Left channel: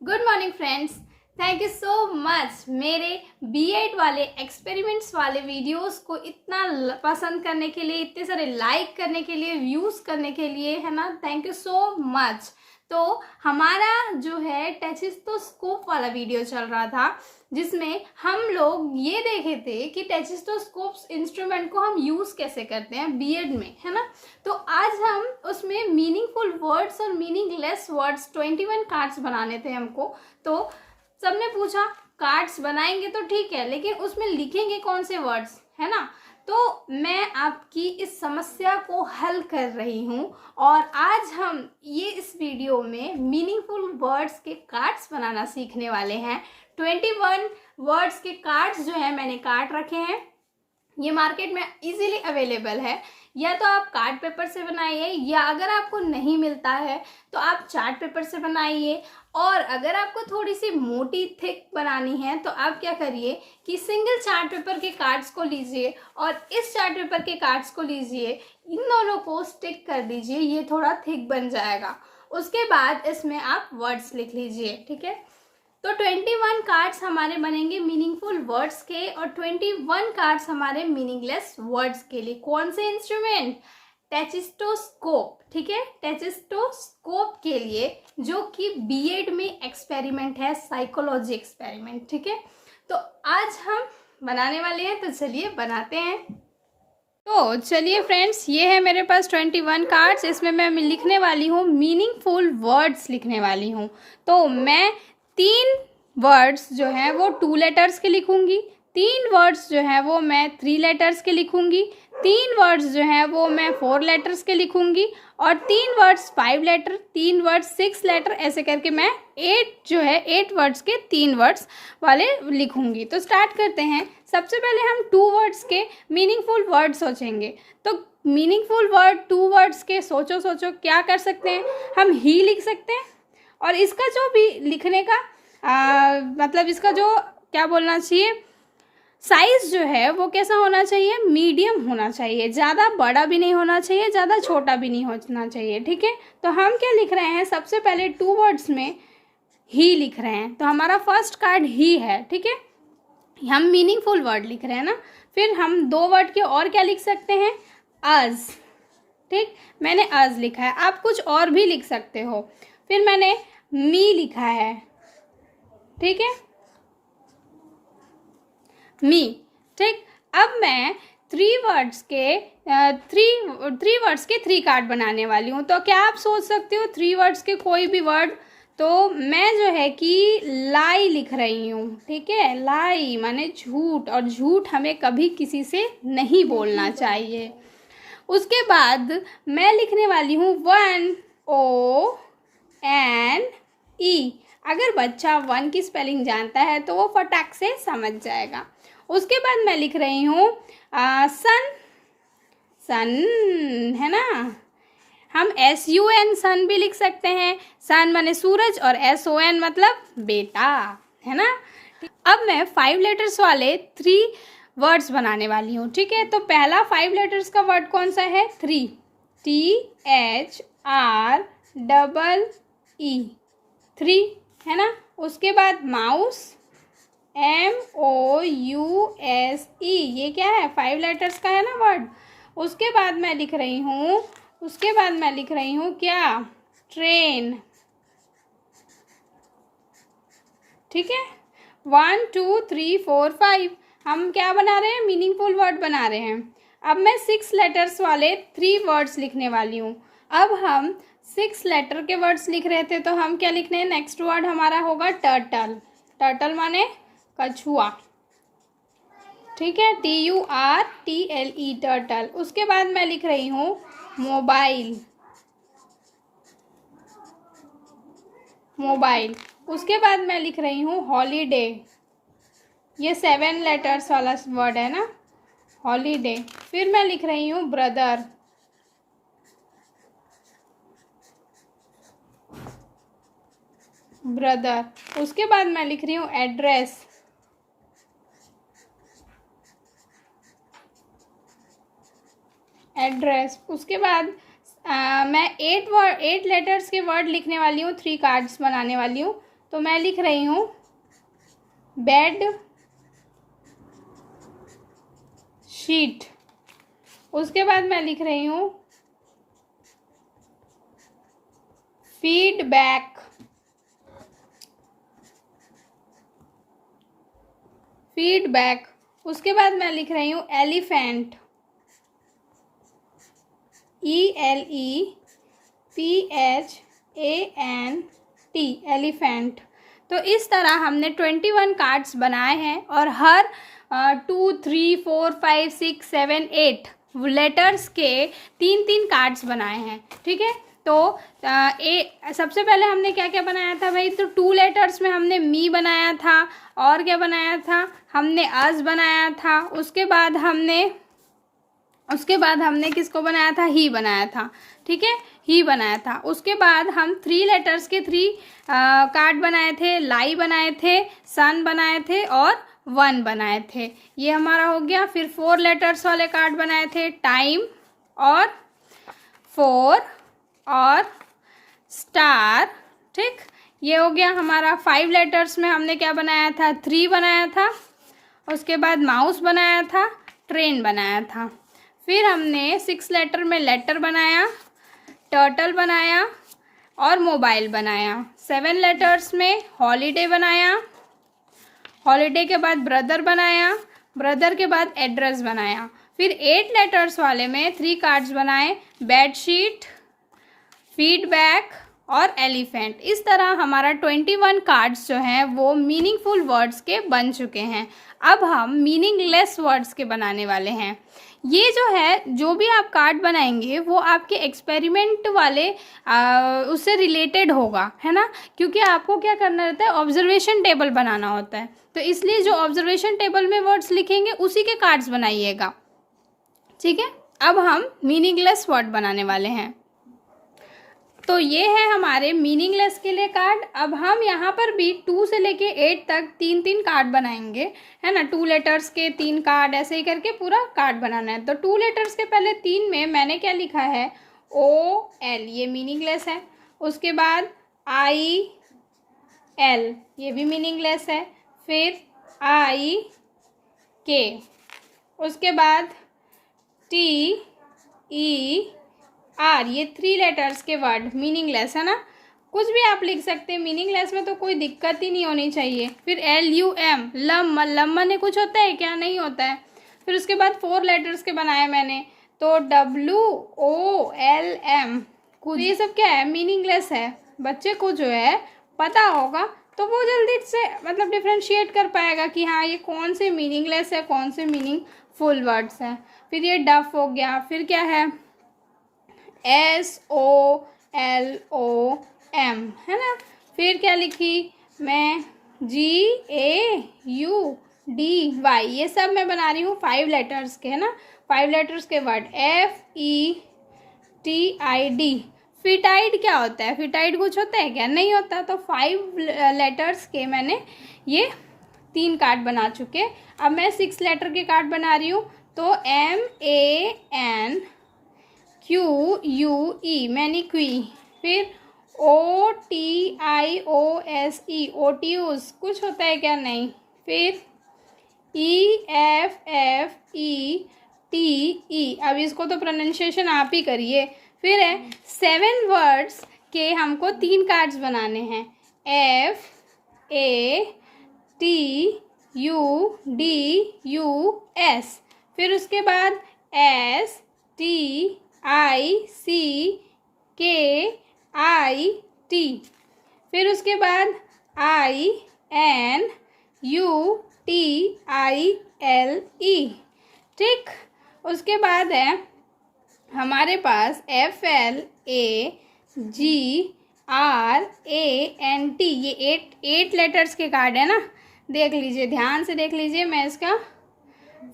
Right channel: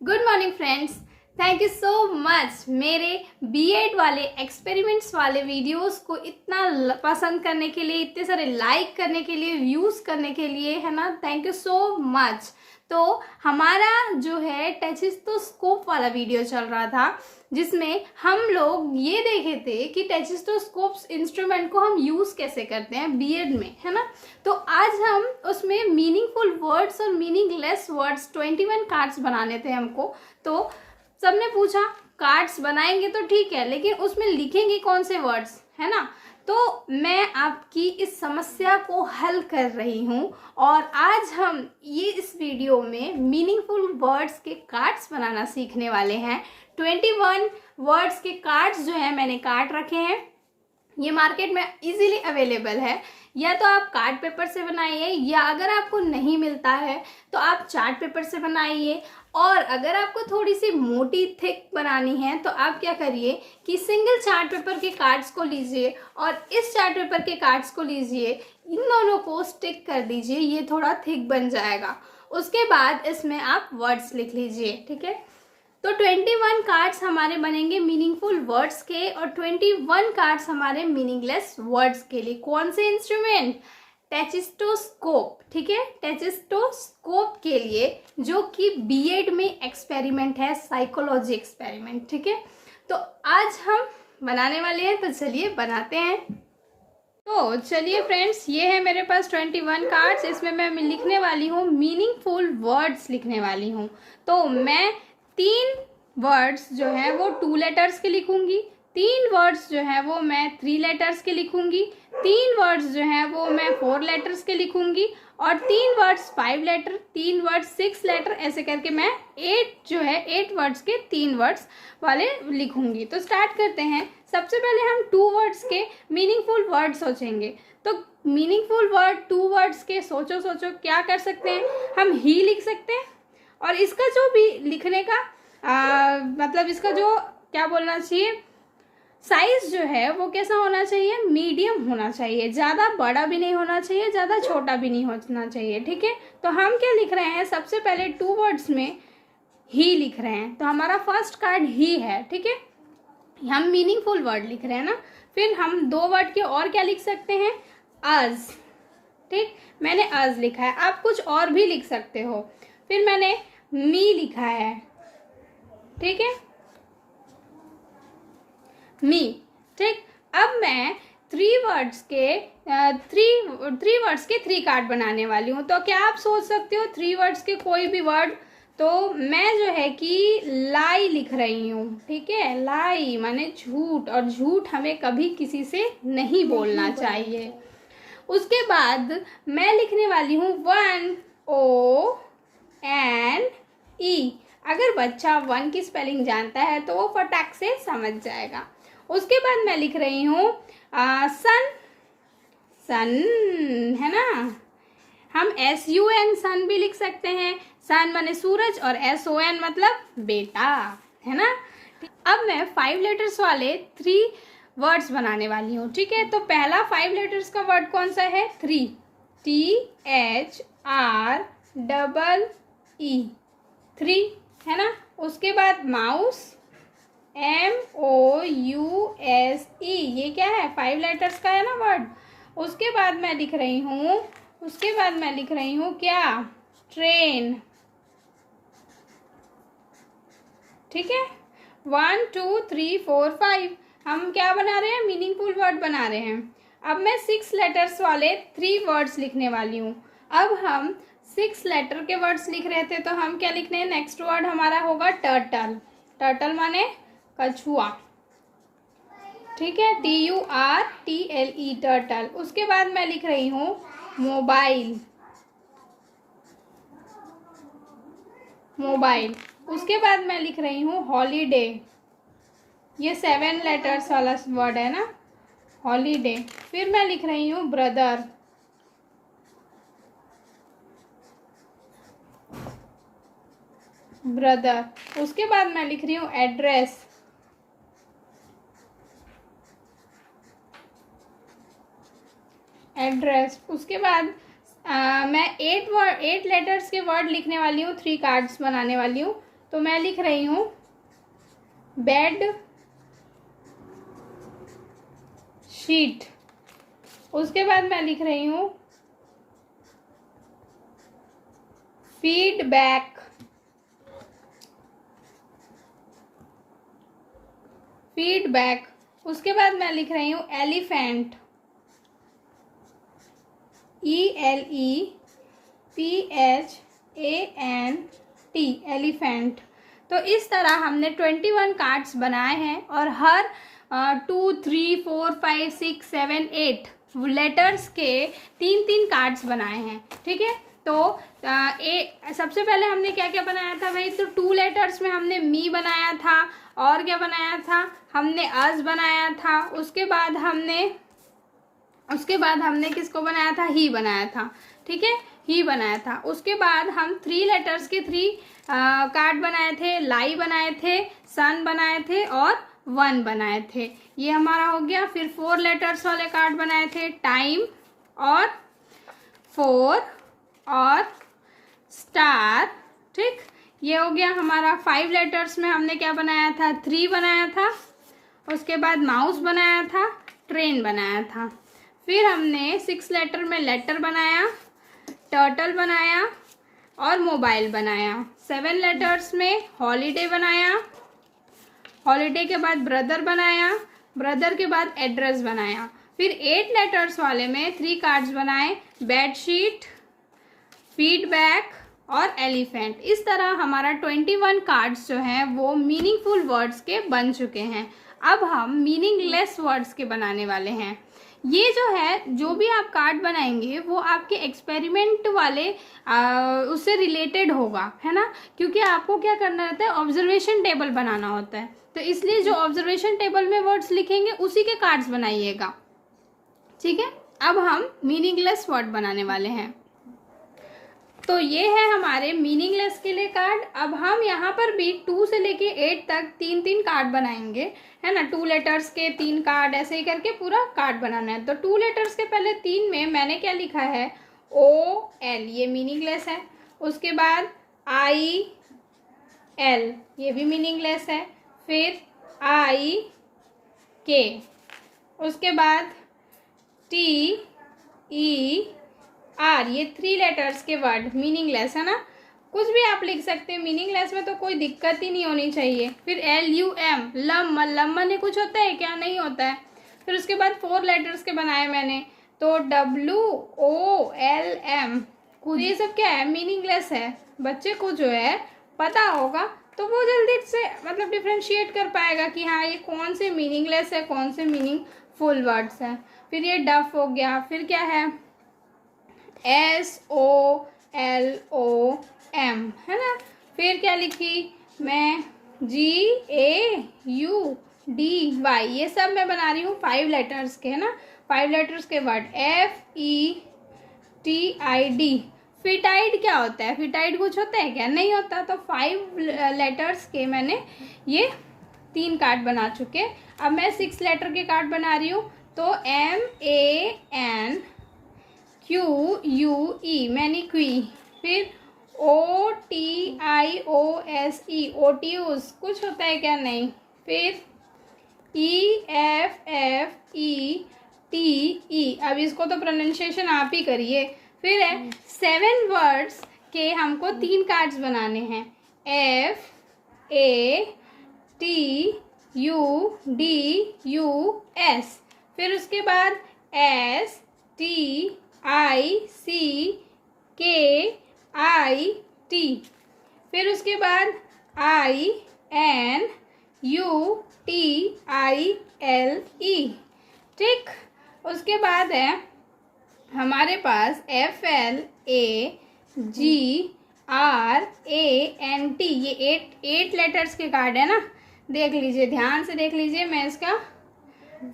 Good morning friends, thank you so much मेरे B.Ed वाले experiments वाले वीडियोस को इतना पसंद करने के लिए, इतने सारे लाइक करने के लिए, व्यूज़ करने के लिए, है ना। Thank you so much. तो हमारा जो है टेचिस्टोस्कोप वाला वीडियो चल रहा था, जिसमें हम लोग ये देखे थे कि टेचिस्टोस्कोप्स इंस्ट्रूमेंट को हम यूज़ कैसे करते हैं B.Ed में, है ना। तो आज हम उसमें मीनिंगफुल वर्ड्स और मीनिंगलेस वर्ड्स 21 कार्ड्स बनाने थे हमको। तो सबने पूछा कार्ड्स बनाएंगे तो ठीक है, लेकिन उसमें लिखेंगे कौन से वर्ड्स, है ना। तो मैं आपकी इस समस्या को हल कर रही हूँ और आज हम ये इस वीडियो में मीनिंगफुल वर्ड्स के कार्ड्स बनाना सीखने वाले हैं। 21 वर्ड्स के कार्ड्स जो है मैंने काट रखे हैं, ये मार्केट में इजीली अवेलेबल है। या तो आप कार्ड पेपर से बनाइए, या अगर आपको नहीं मिलता है तो आप चार्ट पेपर से बनाइए। और अगर आपको थोड़ी सी मोटी थिक बनानी है तो आप क्या करिए कि सिंगल चार्ट पेपर के कार्ड्स को लीजिए और इस चार्ट पेपर के कार्ड्स को लीजिए, इन दोनों को स्टिक कर दीजिए, ये थोड़ा थिक बन जाएगा। उसके बाद इसमें आप वर्ड्स लिख लीजिए, ठीक है। तो 21 कार्ड्स हमारे बनेंगे मीनिंगफुल वर्ड्स के और 21 कार्ड्स हमारे मीनिंगलेस वर्ड्स के लिए। कौन से इंस्ट्रूमेंट? टेचिस्टोस्कोप, ठीक है। टेचिस्टोस्कोप के लिए, जो कि B.Ed में एक्सपेरिमेंट है, साइकोलॉजी एक्सपेरिमेंट, ठीक है। तो आज हम बनाने वाले हैं, तो चलिए बनाते हैं। तो चलिए फ्रेंड्स, ये है मेरे पास 21 कार्ड्स। इसमें मैं लिखने वाली हूँ मीनिंगफुल वर्ड्स लिखने वाली हूँ। तो मैं 3 वर्ड्स जो हैं वो 2 लेटर्स के लिखूंगी, 3 वर्ड्स जो हैं वो मैं 3 लेटर्स के लिखूंगी, 3 वर्ड्स जो हैं वो मैं 4 लेटर्स के लिखूंगी, और 3 वर्ड्स 5 लेटर, 3 वर्ड्स 6 लेटर, ऐसे करके मैं 8 वर्ड्स के 3 वर्ड्स वाले लिखूंगी। तो स्टार्ट करते हैं। सबसे पहले हम 2 वर्ड्स के मीनिंगफुल वर्ड सोचेंगे। तो मीनिंगफुल वर्ड 2 वर्ड्स के सोचो क्या कर सकते हैं हम? ही लिख सकते हैं। और इसका जो भी लिखने का मतलब इसका जो क्या बोलना चाहिए, साइज जो है वो कैसा होना चाहिए? मीडियम होना चाहिए, ज़्यादा बड़ा भी नहीं होना चाहिए, ज़्यादा छोटा भी नहीं होना चाहिए, ठीक है। तो हम क्या लिख रहे हैं? सबसे पहले 2 वर्ड्स में ही लिख रहे हैं। तो हमारा फर्स्ट कार्ड ही है, ठीक है। हम मीनिंगफुल वर्ड लिख रहे हैं ना। फिर हम 2 वर्ड के और क्या लिख सकते हैं? अज, ठीक। मैंने अज लिखा है, आप कुछ और भी लिख सकते हो। फिर मैंने मी लिखा है, ठीक है, मी, ठीक। अब मैं 3 वर्ड्स के 3 कार्ड बनाने वाली हूँ। तो क्या आप सोच सकते हो 3 वर्ड्स के कोई भी वर्ड? तो मैं जो है कि लाई लिख रही हूँ, ठीक है। लाई माने झूठ, और झूठ हमें कभी किसी से नहीं बोलना चाहिए। उसके बाद मैं लिखने वाली हूँ 1 ONE। अगर बच्चा 1 की स्पेलिंग जानता है तो वो फटाक से समझ जाएगा। उसके बाद मैं लिख रही हूँ सन, सन, है ना। हम SUN सन भी लिख सकते हैं। सन माने सूरज और SON मतलब बेटा, है ना। अब मैं 5 लेटर्स वाले 3 वर्ड्स बनाने वाली हूँ, ठीक है। तो पहला 5 लेटर्स का वर्ड कौन सा है? 3, THREE, 3, है ना। उसके बाद माउस, MOUSE, ये क्या है? 5 लेटर्स का है ना वर्ड। उसके बाद मैं लिख रही हूँ क्या? ट्रेन, ठीक है। 1 2 3 4 5 हम क्या बना रहे हैं? मीनिंगफुल वर्ड बना रहे हैं। अब मैं 6 लेटर्स वाले 3 वर्ड्स लिखने वाली हूँ। अब हम 6 लेटर के वर्ड्स लिख रहे थे, तो हम क्या लिखने हैं? नेक्स्ट वर्ड हमारा होगा टर्टल। टर्टल माने कछुआ, ठीक है। TURTLE, turtle. उसके बाद मैं लिख रही हूँ मोबाइल, मोबाइल। उसके बाद मैं लिख रही हूँ हॉलीडे, ये 7 लेटर्स वाला वर्ड है ना, हॉलीडे। फिर मैं लिख रही हूँ ब्रदर, ब्रदर। उसके बाद मैं लिख रही हूँ एड्रेस, एड्रेस। उसके बाद मैं 8 लेटर्स के वर्ड लिखने वाली हूँ, 3 कार्ड्स बनाने वाली हूँ। तो मैं लिख रही हूँ बेड शीट। उसके बाद मैं लिख रही हूँ फीडबैक। फीडबैक। उसके बाद मैं लिख रही हूँ एलिफेंट, ELEPHANT, एलिफेंट। तो इस तरह हमने 21 कार्ड्स बनाए हैं और हर 2, 3, 4, 5, 6, 7, 8 लेटर्स के 3-3 कार्ड्स बनाए हैं। ठीक है, तो सबसे पहले हमने क्या क्या बनाया था भाई? तो 2 लेटर्स में हमने मी बनाया था, और क्या बनाया था? हमने अस बनाया था। उसके बाद हमने किसको बनाया था? ही बनाया था। ठीक है, ही बनाया था। उसके बाद हम 3 लेटर्स के 3 कार्ड बनाए थे। लाई बनाए थे, सन बनाए थे और 1 बनाए थे। ये हमारा हो गया। फिर 4 लेटर्स वाले कार्ड बनाए थे, टाइम और 4 और स्टार। ठीक, ये हो गया हमारा। 5 लेटर्स में हमने क्या बनाया था? 3 बनाया था। उसके बाद माउस बनाया था, ट्रेन बनाया था। फिर हमने 6 लेटर में लेटर बनाया, टर्टल बनाया और मोबाइल बनाया। 7 लेटर्स में हॉलीडे बनाया, हॉलीडे के बाद ब्रदर बनाया, ब्रदर के बाद एड्रेस बनाया। फिर 8 लेटर्स वाले में 3 कार्ड्स बनाए, बेडशीट, फीडबैक और एलिफेंट। इस तरह हमारा 21 कार्ड्स जो हैं वो मीनिंगफुल वर्ड्स के बन चुके हैं। अब हम मीनिंगलेस वर्ड्स के बनाने वाले हैं। ये जो है, जो भी आप कार्ड बनाएंगे वो आपके एक्सपेरिमेंट वाले उससे रिलेटेड होगा, है ना, क्योंकि आपको क्या करना रहता है? ऑब्जर्वेशन टेबल बनाना होता है। तो इसलिए जो ऑब्जर्वेशन टेबल में वर्ड्स लिखेंगे उसी के कार्ड्स बनाइएगा। ठीक है, अब हम मीनिंगलेस वर्ड बनाने वाले हैं। तो ये है हमारे मीनिंगलेस के लिए कार्ड। अब हम यहाँ पर भी 2 से लेके 8 तक 3-3 कार्ड बनाएंगे, है ना। 2 लेटर्स के 3 कार्ड, ऐसे ही करके पूरा कार्ड बनाना है। तो 2 लेटर्स के पहले 3 में मैंने क्या लिखा है? OL, ये मीनिंगलेस है। उसके बाद IL, ये भी मीनिंगलेस है। फिर IK, उसके बाद TER, ये 3 लेटर्स के वर्ड मीनिंगलेस है ना। कुछ भी आप लिख सकते हैं मीनिंगलेस में, तो कोई दिक्कत ही नहीं होनी चाहिए। फिर LUM, लम माने कुछ होता है क्या? नहीं होता है। फिर उसके बाद 4 लेटर्स के बनाए मैंने, तो WOLM। कुछ ये सब क्या है? मीनिंगलेस है। बच्चे को जो है पता होगा तो वो जल्दी से मतलब डिफ्रेंशिएट कर पाएगा कि हाँ ये कौन से मीनिंगलेस है, कौन से मीनिंगफुल वर्ड्स हैं। फिर ये डफ हो गया। फिर क्या है? SOLOM, है ना। फिर क्या लिखी मैं? GAUDY, ये सब मैं बना रही हूँ 5 लेटर्स के, है ना, 5 लेटर्स के वर्ड। FETID। फिटाइड क्या होता है? फिटाइड कुछ होता है क्या? नहीं होता। तो 5 लेटर्स के मैंने ये 3 कार्ड बना चुके। अब मैं 6 लेटर के कार्ड बना रही हूँ। तो MANQUE, मैनिक्वी। फिर OTIOSE, ओटियूस, कुछ होता है क्या? नहीं। फिर EFFETE, अब इसको तो प्रोनाउंसिएशन आप ही करिए। फिर है 7 वर्ड्स के हमको 3 कार्ड्स बनाने हैं, FATUDUS। फिर उसके बाद STICKIT। फिर उसके बाद INUTILE। ठीक, उसके बाद है हमारे पास FLAGRANT, ये 8 लेटर्स के कार्ड है ना। देख लीजिए, ध्यान से देख लीजिए, मैं इसका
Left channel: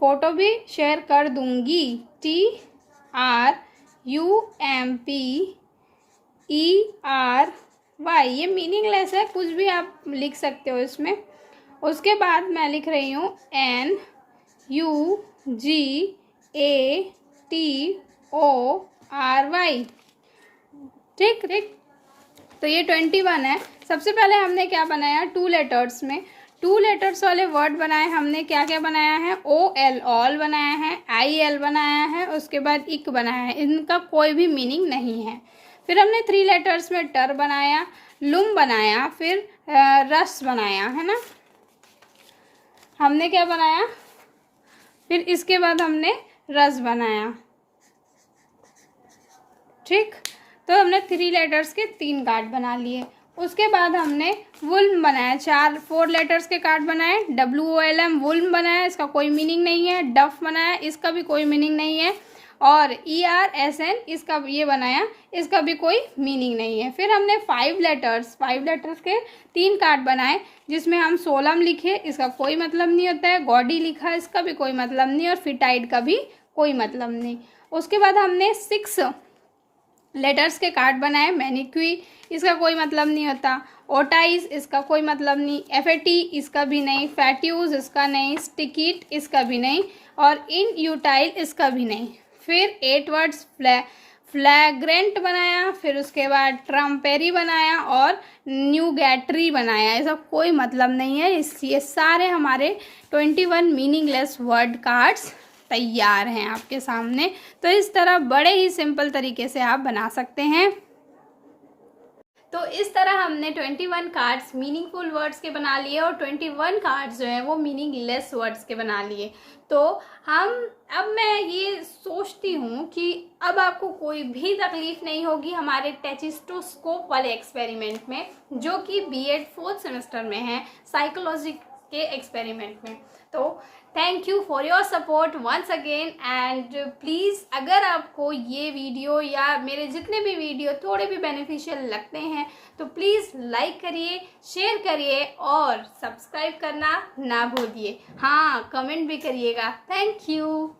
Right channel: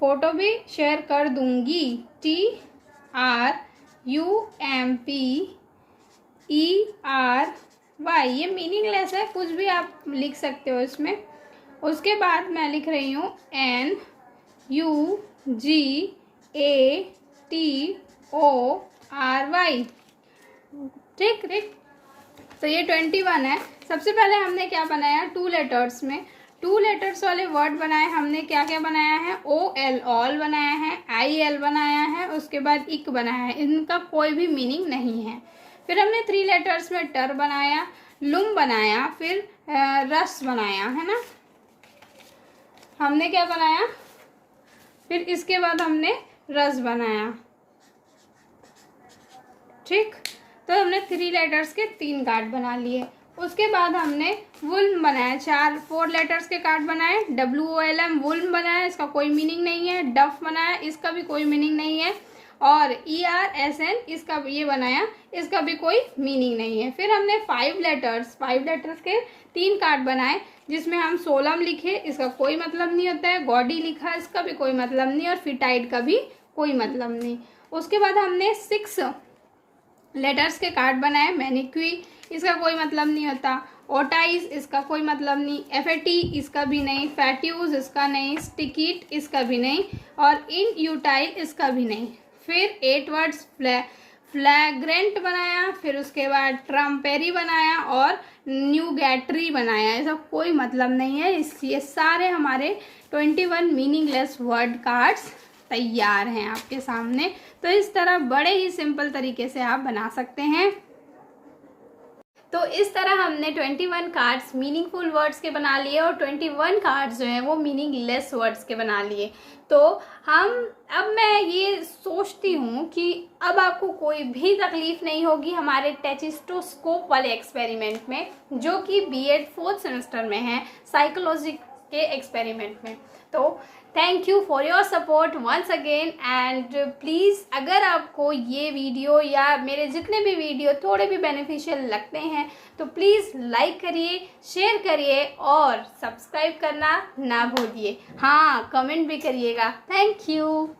फोटो भी शेयर कर दूंगी। TRUMPERY, ये मीनिंगलेस है, कुछ भी आप लिख सकते हो इसमें। उसके बाद मैं लिख रही हूँ NUGATORY। ठीक ठीक, तो ये 21 है। सबसे पहले हमने क्या बनाया, 2 लेटर्स में 2 लेटर्स वाले वर्ड बनाए हमने। क्या क्या बनाया है, OL ऑल बनाया है, IL बनाया है, उसके बाद इक बनाया है। इनका कोई भी मीनिंग नहीं है। फिर हमने 3 लेटर्स में टर बनाया, लुम बनाया, फिर रस बनाया, है ना। हमने क्या बनाया, फिर इसके बाद हमने रस बनाया। ठीक, तो हमने 3 लेटर्स के 3 कार्ड बना लिए। उसके बाद हमने वुल्म बनाया, 4 लेटर्स के कार्ड बनाए। WOLM वुल्म बनाया, इसका कोई मीनिंग नहीं है। डफ बनाया, इसका भी कोई मीनिंग नहीं है। और ERSN इसका ये बनाया, इसका भी कोई मीनिंग नहीं है। फिर हमने 5 लेटर्स के 3 कार्ड बनाए, जिसमें हम सोलम लिखे, इसका कोई मतलब नहीं होता है। गॉडी लिखा, इसका भी कोई मतलब नहीं, और फिटाइड का भी कोई मतलब नहीं। उसके बाद हमने 6 लेटर्स के कार्ड बनाए। मैनिक्वी, इसका कोई मतलब नहीं होता। ओटाइज, इसका कोई मतलब नहीं। FAT, इसका भी नहीं। फैट्यूज, इसका नहीं। स्टिकिट, इसका भी नहीं। और इनयूटाइल, इसका भी नहीं। फिर 8 वर्ड्स फ्लैग्रेंट बनाया, फिर उसके बाद ट्रम्पेरी बनाया और न्यूगैट्री बनाया। इसका कोई मतलब नहीं है। ये सारे हमारे 21 मीनिंगलेस वर्ड कार्ड्स तैयार हैं आपके सामने। तो इस तरह बड़े ही सिंपल तरीके से आप बना सकते हैं। तो इस तरह हमने 21 कार्ड्स मीनिंगफुल वर्ड्स के बना लिए और 21 कार्ड्स जो हैं वो मीनिंगलेस वर्ड्स के बना लिए। तो अब मैं ये सोचती हूँ कि अब आपको कोई भी तकलीफ नहीं होगी हमारे टेचिस्टोस्कोप वाले एक्सपेरिमेंट में, जो कि B.Ed 4th सेमेस्टर में है, साइकोलॉजी के एक्सपेरिमेंट में। तो thank you for your support once again. And please, अगर आपको ये वीडियो या मेरे जितने भी वीडियो थोड़े भी बेनिफिशियल लगते हैं तो प्लीज़ लाइक करिए, शेयर करिए और सब्सक्राइब करना ना भूलिए। हाँ, कमेंट भी करिएगा। Thank you.